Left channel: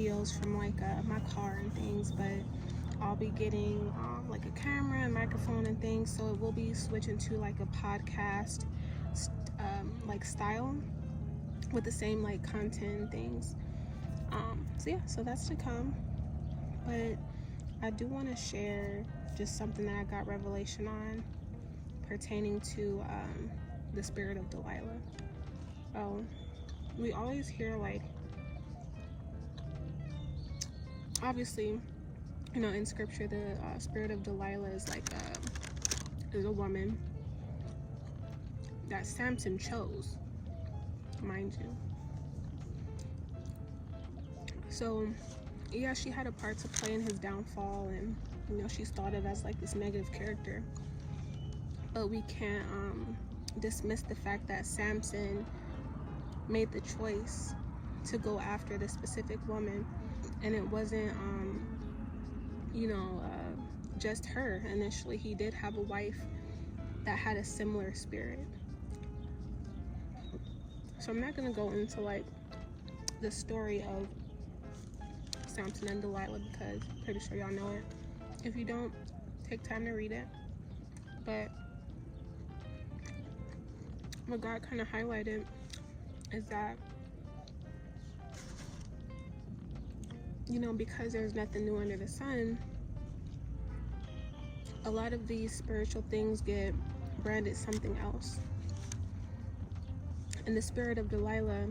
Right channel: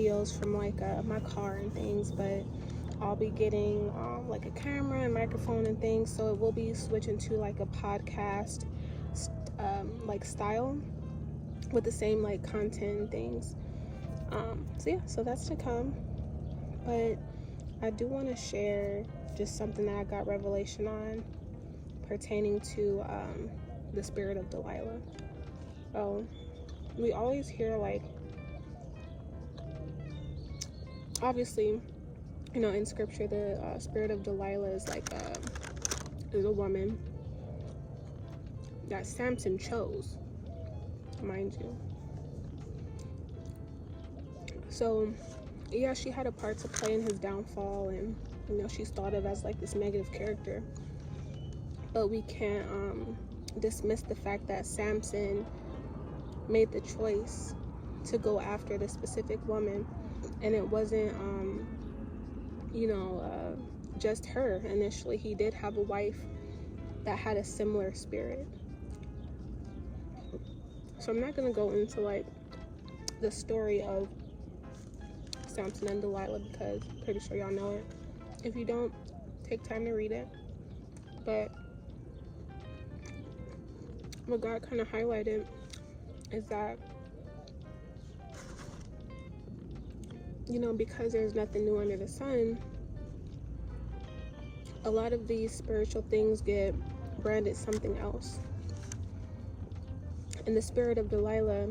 videos from like my car and things, but I'll be getting like a camera and microphone and things, so it will be switching to like a podcast like style with the same like content and things. So yeah, so that's to come. But I do want to share just something that I got revelation on pertaining to the spirit of Delilah. So we always hear, like, obviously, you know, in scripture, the spirit of Delilah is like is a woman that Samson chose, mind you. So yeah, she had a part to play in his downfall, and you know, she's thought of as like this negative character. But we can't dismiss the fact that Samson made the choice to go after this specific woman, and it wasn't you know, just her. Initially, he did have a wife that had a similar spirit. So I'm not gonna go into like the story of Samson and Delilah, because I'm pretty sure y'all know it. If you don't, take time to read it. But what God kind of highlighted is that, you know, because there's nothing new under the sun, a lot of these spiritual things get branded something else. And the spirit of Delilah,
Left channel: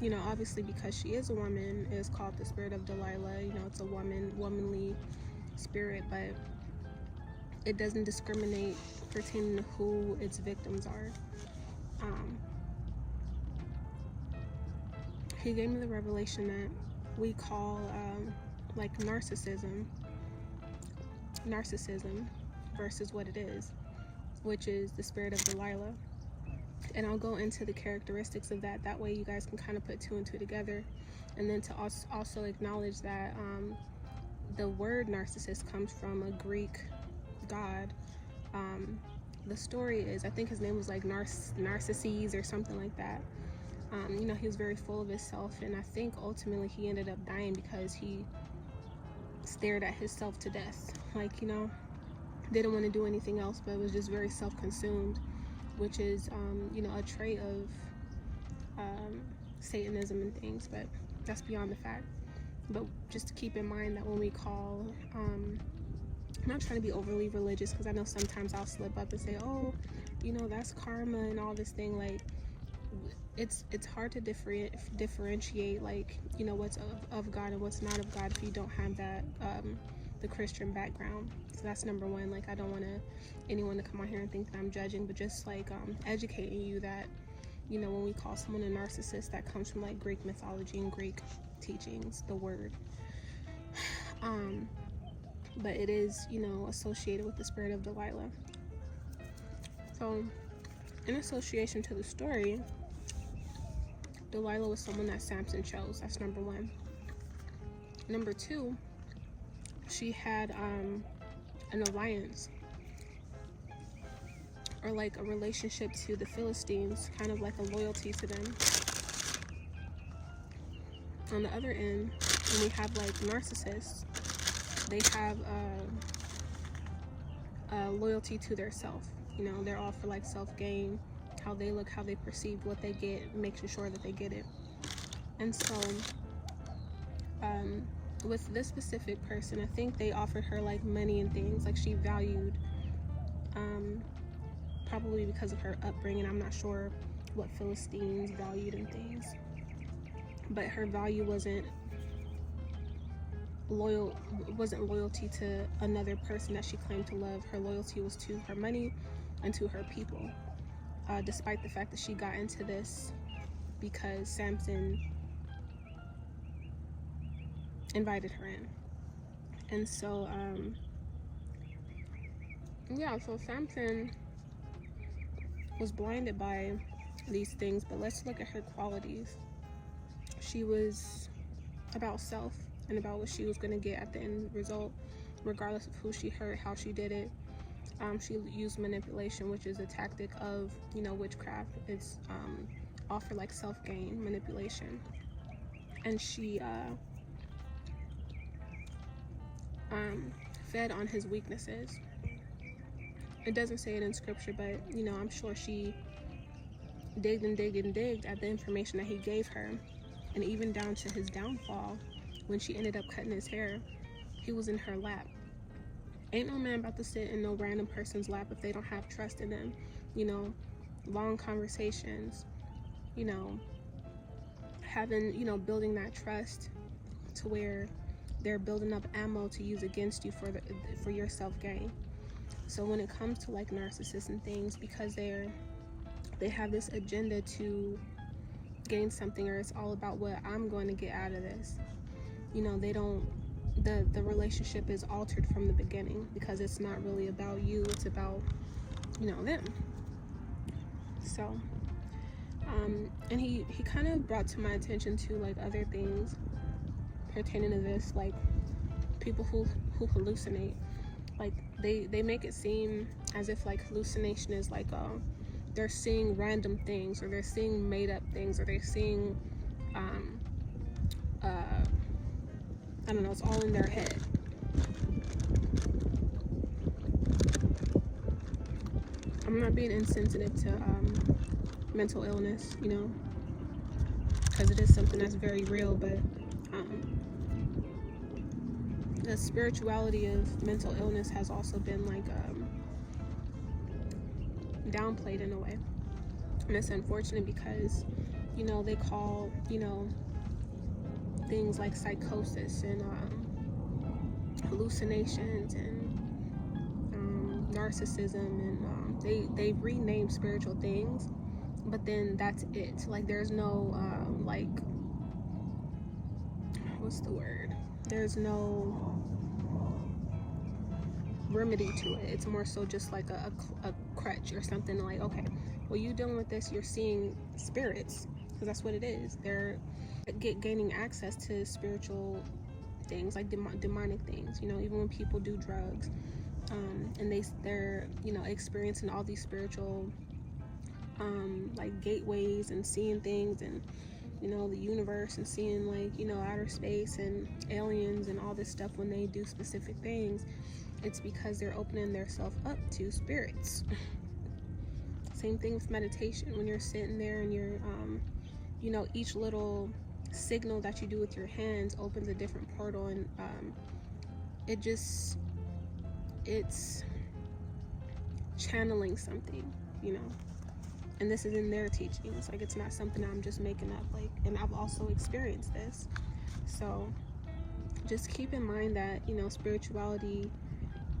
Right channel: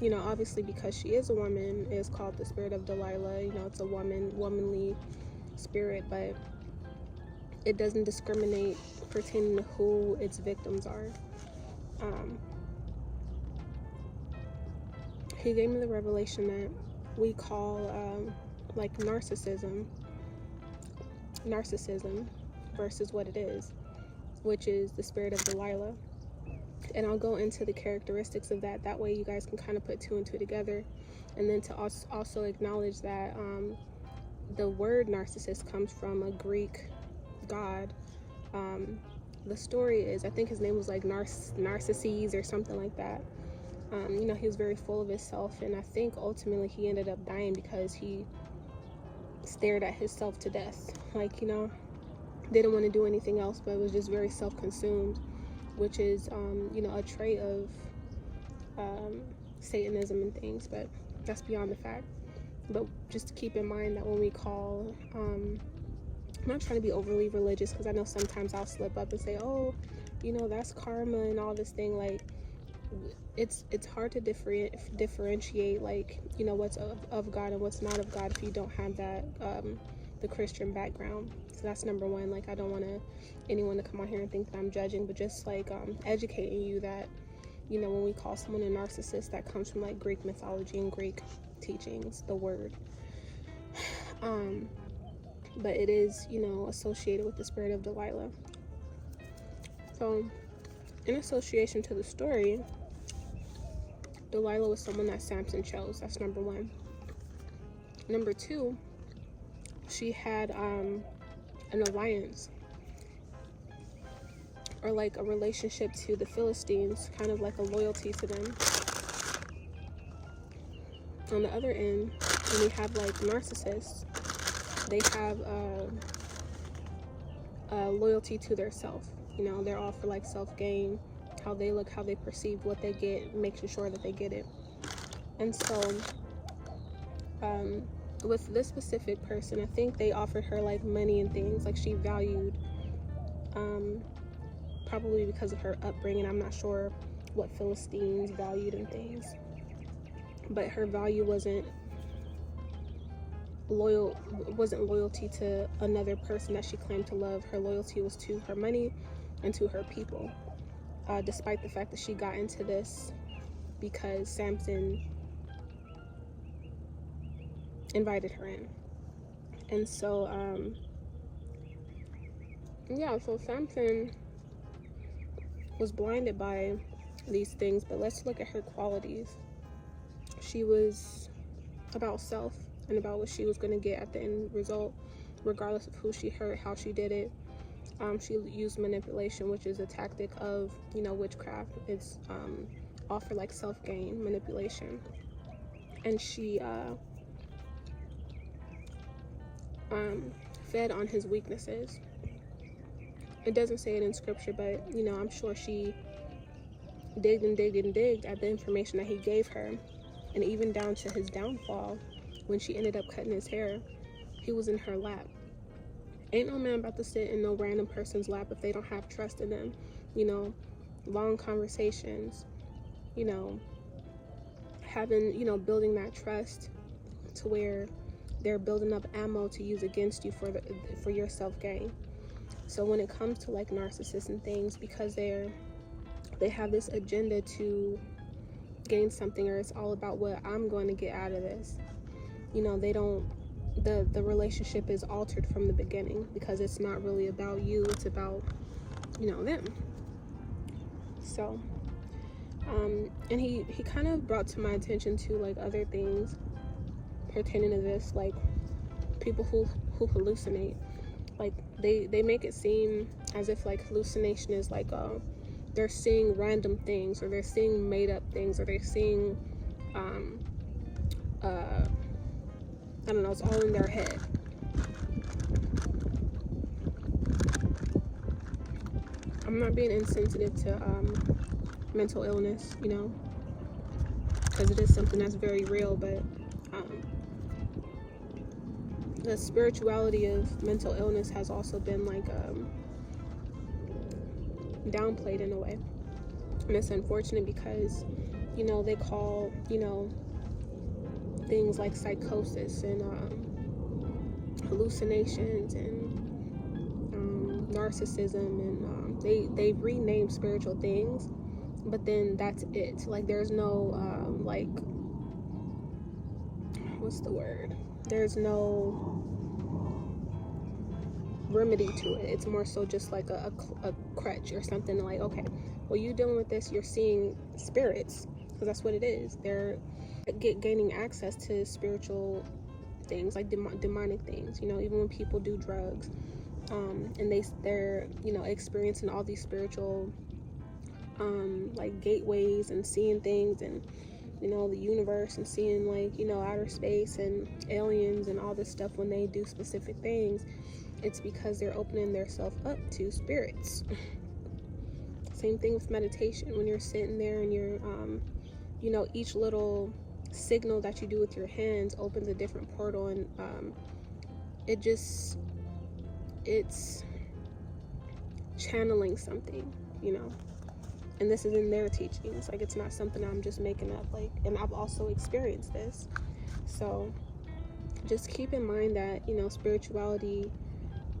you know, obviously because she is a woman, is called the spirit of Delilah. You know, it's a womanly spirit, but it doesn't discriminate pertaining to who its victims are. He gave me the revelation that we call like narcissism versus what it is, which is the spirit of Delilah. And I'll go into the characteristics of that. That way you guys can kind of put two and two together. And then to also acknowledge that the word narcissist comes from a Greek god. The story is, I think his name was like Narcissus or something like that. You know, he was very full of himself, and I think ultimately he ended up dying because he stared at himself to death. Like, you know, didn't want to do anything else, but was just very self-consumed, which is, you know, a trait of Satanism and things, but that's beyond the fact. But just to keep in mind that when we call, I'm not trying to be overly religious, because I know sometimes I'll slip up and say, oh, you know, that's karma and all this thing. Like, it's hard to differentiate, like, you know, what's of God and what's not of God if you don't have that the Christian background. So that's number one. Like, I don't want anyone to come out here and think that I'm judging, but just like educating you that, you know, when we call someone a narcissist, that comes from like Greek mythology and Greek teachings, the word. But it is, you know, associated with the spirit of Delilah. So in association to the story, Delilah was someone that Samson chose. That's number one. Number two, she had an alliance, or like a relationship to the Philistines, kind of like a loyalty to them. On the other end, when we have like narcissists, they have a loyalty to their self. You know, they're all for like self-gain, how they look, how they perceive what they get, making sure that they get it. And so with this specific person, I think they offered her like money and things, like she valued, probably because of her upbringing, I'm not sure what Philistines valued and things, but her value wasn't loyalty to another person that she claimed to love. Her loyalty was to her money and to her people, despite the fact that she got into this because Samson invited her in. And so yeah, so Samson was blinded by these things, but let's look at her qualities. She was about self and about what she was going to get at the end result, regardless of who she hurt, how she did it. She used manipulation, which is a tactic of, you know, witchcraft. It's all for like self-gain, manipulation. and she fed on his weaknesses. It doesn't say it in scripture, but you know, I'm sure she digged and digged and digged at the information that he gave her. And even down to his downfall, when she ended up cutting his hair, he was in her lap. Ain't no man about to sit in no random person's lap if they don't have trust in them. You know, long conversations, you know, having, you know, building that trust to where they're building up ammo to use against you for your self-gain. So when it comes to like narcissists and things, because they have this agenda to gain something, or it's all about what I'm going to get out of this, you know, they don't, the relationship is altered from the beginning, because it's not really about you, it's about, you know, them. So and he kind of brought to my attention to like other things pertaining to this, like people who hallucinate. Like they make it seem as if like hallucination is like they're seeing random things, or they're seeing made up things, or they're seeing I don't know, it's all in their head. I'm not being insensitive to mental illness, you know, because it is something that's very real, but the spirituality of mental illness has also been like downplayed in a way. And it's unfortunate because, you know, they call, you know, things like psychosis and hallucinations and narcissism, and they rename spiritual things, but then that's it. Like there's no like, what's the word, there's no remedy to it. It's more so just like a crutch or something. Like, okay, well, you're dealing with this, you're seeing spirits, because that's what it is. They're gaining access to spiritual things, like demonic things, you know, even when people do drugs, and they're you know, experiencing all these spiritual like gateways, and seeing things, and you know, the universe, and seeing like, you know, outer space and aliens and all this stuff. When they do specific things, it's because they're opening themselves up to spirits. Same thing with meditation. When you're sitting there and you're you know, each little signal that you do with your hands opens a different portal, and it's channeling something, you know. And this is in their teachings. Like, it's not something I'm just making up. Like, and I've also experienced this. So just keep in mind that, you know, spirituality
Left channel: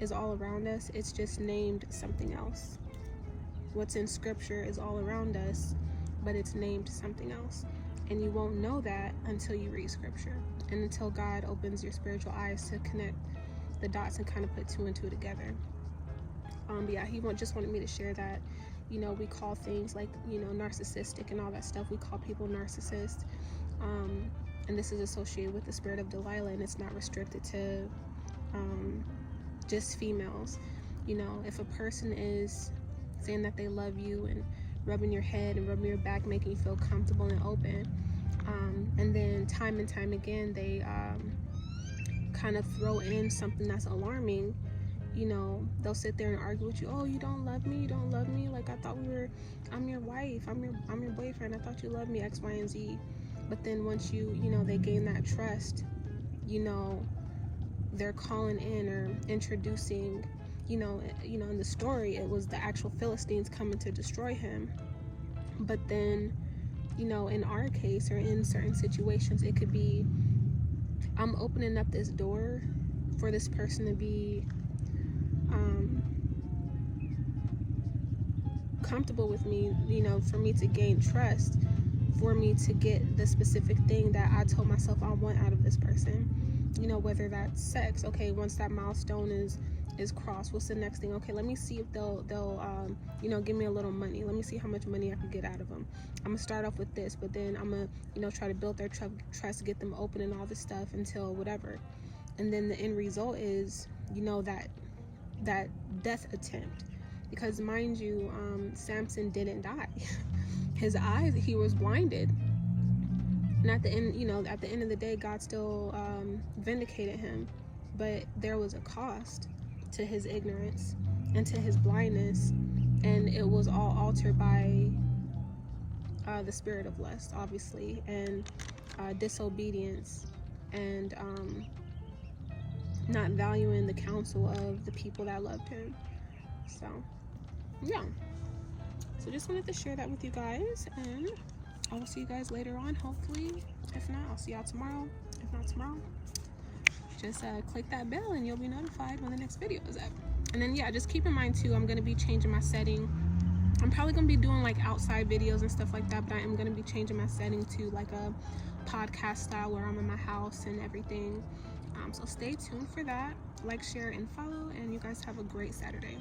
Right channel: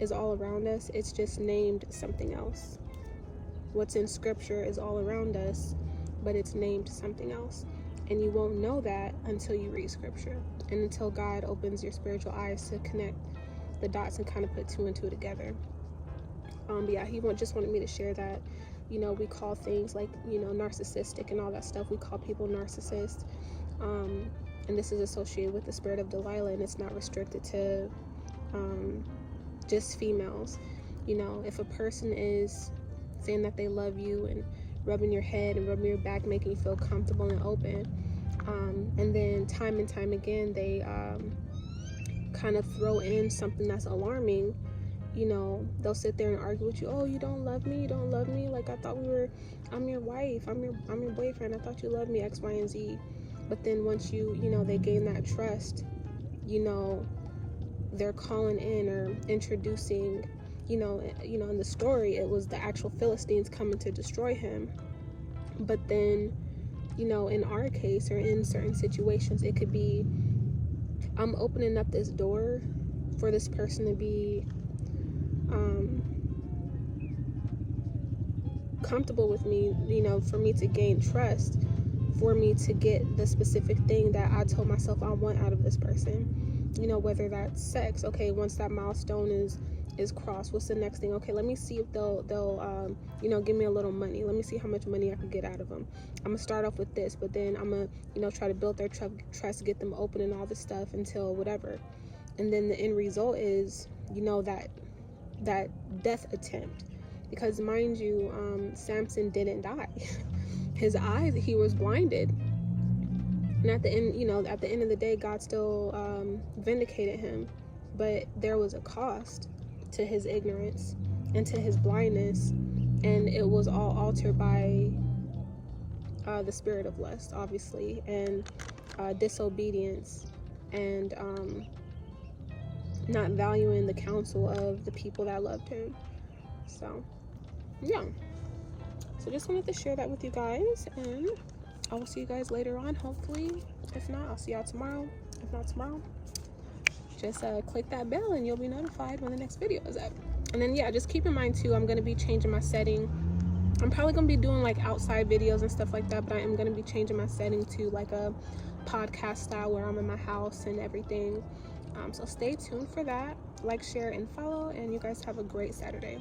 is all around us. It's just named something else. What's in scripture is all around us, but it's named something else. And you won't know that until you read scripture, and until God opens your spiritual eyes to connect the dots and kind of put two and two together. But yeah, he just wanted me to share that, you know, we call things like, you know, narcissistic and all that stuff, we call people narcissists, and this is associated with the spirit of Delilah, and it's not restricted to just females. You know, if a person is saying that they love you and rubbing your head and rubbing your back, making you feel comfortable and open, and then time and time again they kind of throw in something that's alarming, you know, they'll sit there and argue with you. Oh, you don't love me, like I thought I'm your wife, I'm your boyfriend, I thought you loved me, X, Y, and Z. But then once you know, they gain that trust, you know, they're calling in or introducing, you know, in the story, it was the actual Philistines coming to destroy him. But then, you know, in our case, or in certain situations, it could be, I'm opening up this door for this person to be comfortable with me, you know, for me to gain trust, for me to get the specific thing that I told myself I want out of this person. You know, whether that's sex. Okay, once that milestone is crossed, what's the next thing? Okay, let me see if they'll you know, give me a little money. Let me see how much money I can get out of them. I'm gonna start off with this, but then I'm gonna, you know, try to build their trust, get them open and all this stuff until whatever. And then the end result is, you know, that death attempt. Because mind you, Samson didn't die. His eyes, he was blinded. And at the end, you know, at the end of the day, God still vindicated him, but there was a cost to his ignorance and to his blindness, and it was all altered by the spirit of lust, obviously, and disobedience, and not valuing the counsel of the people that loved him. So yeah, so just wanted to share that with you guys, and I will see you guys later on, hopefully. If not, I'll see y'all tomorrow. If not tomorrow, just click that bell and you'll be notified when the next video is up. And then yeah, just keep in mind too, I'm going to be changing my setting. I'm probably going to be doing like outside videos and stuff like that, but I am going to be changing my setting to like a podcast style where I'm in my house and everything. So stay tuned for that. Like, share, and follow, and you guys have a great Saturday.